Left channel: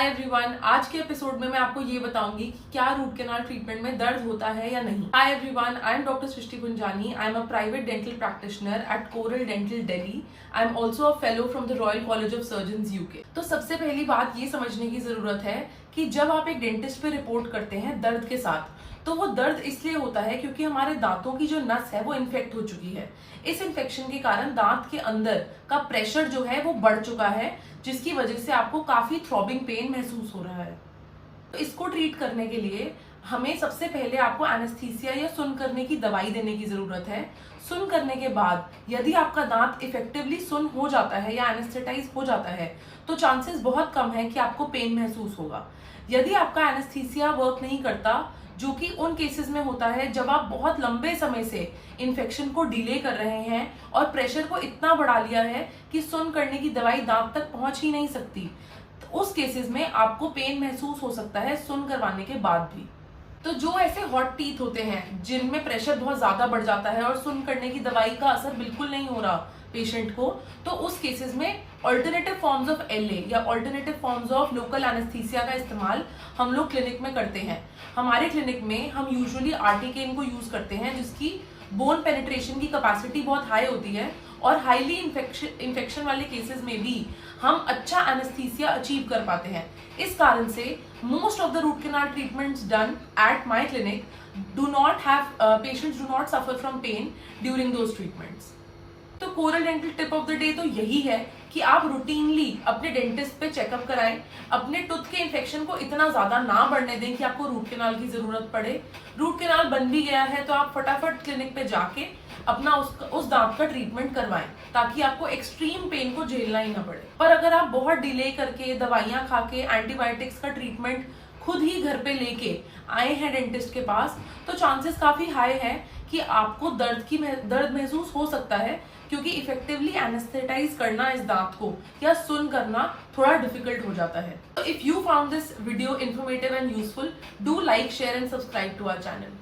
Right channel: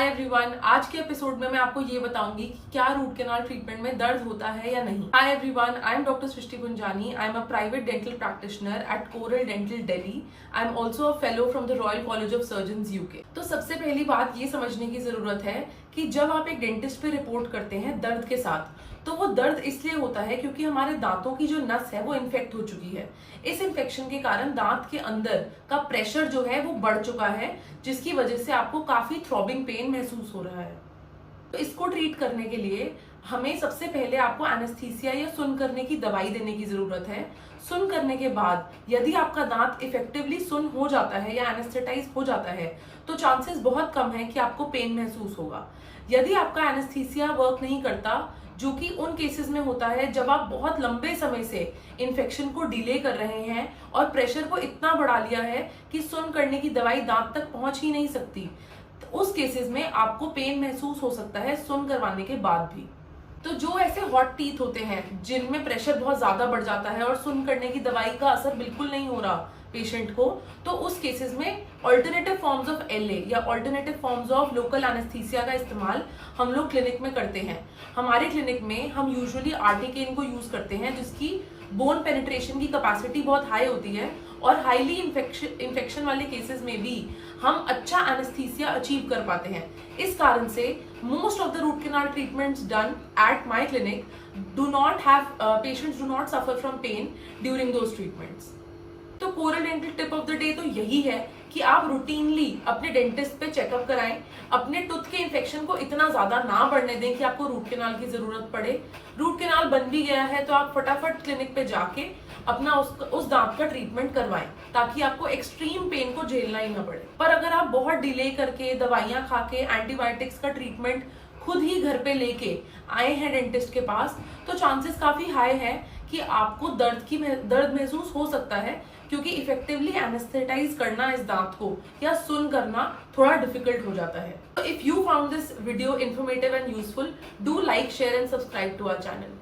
Hi everyone, आज के episode में मैं आपको ये बताऊंगी कि क्या रूट कैनाल ट्रीटमेंट में दर्द होता है या नहीं। Hi everyone, I am doctor Srishti Gunjani. I am a private dental practitioner at Coral Dental Delhi. I am also a fellow from the Royal College of Surgeons UK. तो सबसे पहली बात ये समझने की जरूरत है कि जब आप एक डेंटिस्ट पे रिपोर्ट करते हैं दर्द के साथ, तो वो दर्द इसलिए होता है क्योंकि हमारे दांतों की जो नस है वो इन्फेक्ट हो चुकी है। इस इन्फेक्शन के कारण दांत के अंदर का प्रेशर जो है वो बढ़ चुका है, जिसकी वजह से आपको काफी थ्रॉबिंग पेन महसूस हो रहा है। तो इसको ट्रीट करने के लिए हमें सबसे पहले आपको एनेस्थीसिया या सुन्न करने की दवाई देने की जरूरत है। सुन्न करने के बाद यदि आपका दांत इफेक्टिवली सुन्न हो जाता है या एनेस्थेटाइज हो जाता है, तो चांसेस बहुत कम है कि आपको पेन महसूस होगा। यदि आपका एनेस्थीसिया वर्क नहीं करता, जो कि उन केसेस में होता है जब आप बहुत लंबे समय से इन्फेक्शन को डिले कर रहे हैं और प्रेशर को इतना बढ़ा लिया है कि सुन्न करने की दवाई दांत तक पहुंच ही नहीं सकती, तो उस केसेस में आपको पेन महसूस हो सकता है सुन्न करवाने के बाद भी। तो जो ऐसे हॉट टीथ होते हैं जिनमें प्रेशर बहुत ज्यादा बढ़ जाता है और सुन्न करने की दवाई का असर बिल्कुल नहीं हो रहा पेशेंट को, तो उस केसेस में ऑल्टरनेटिव फॉर्म्स ऑफ एलए या alternative forms of local anaesthesia का इस्तेमाल हम लोग क्लिनिक में करते हैं। हमारे क्लिनिक में हम यूजुअली आर्टिकेन को यूज करते हैं, जिसकी बोन पेनिट्रेशन की कैपेसिटी बहुत हाई होती है और हाईली इन्फेक्शन वाले केसेस में भी हम अच्छा एनेस्थीसिया अचीव कर पाते हैं। इस कारण से most of the root canal treatments done at my clinic do not have patients do not suffer from pain during those treatments. तो Coral Dental tip of the day तो यही है कि आप रूटीनली अपने डेंटिस्ट पे चेकअप कराएं। अपने टूथ के इन्फेक्शन को इतना ज्यादा ना बढ़ने दें कि आपको रूट कैनाल की जरूरत पड़े। रूट कैनाल बन भी गया है तो आप फटाफट क्लिनिक पे जाके अपना उस दांत का ट्रीटमेंट करवाएं, ताकि आपको एक्सट्रीम पेन को झेलना ही ना पड़े। पर अगर आप बहुत डिले करके दवाइयां खा के एंटीबायोटिक्स का ट्रीटमेंट खुद ही घर पे लेके आए हैं डेंटिस्ट के पास, तो चांसेस काफी हाई है कि आपको दर्द महसूस हो सकता है, क्योंकि इफेक्टिवली एनेस्थेटाइज करना इस दांत को या सुन्न करना थोड़ा डिफिकल्ट हो जाता है। If you found this video informative and useful, do like, share and subscribe to our channel.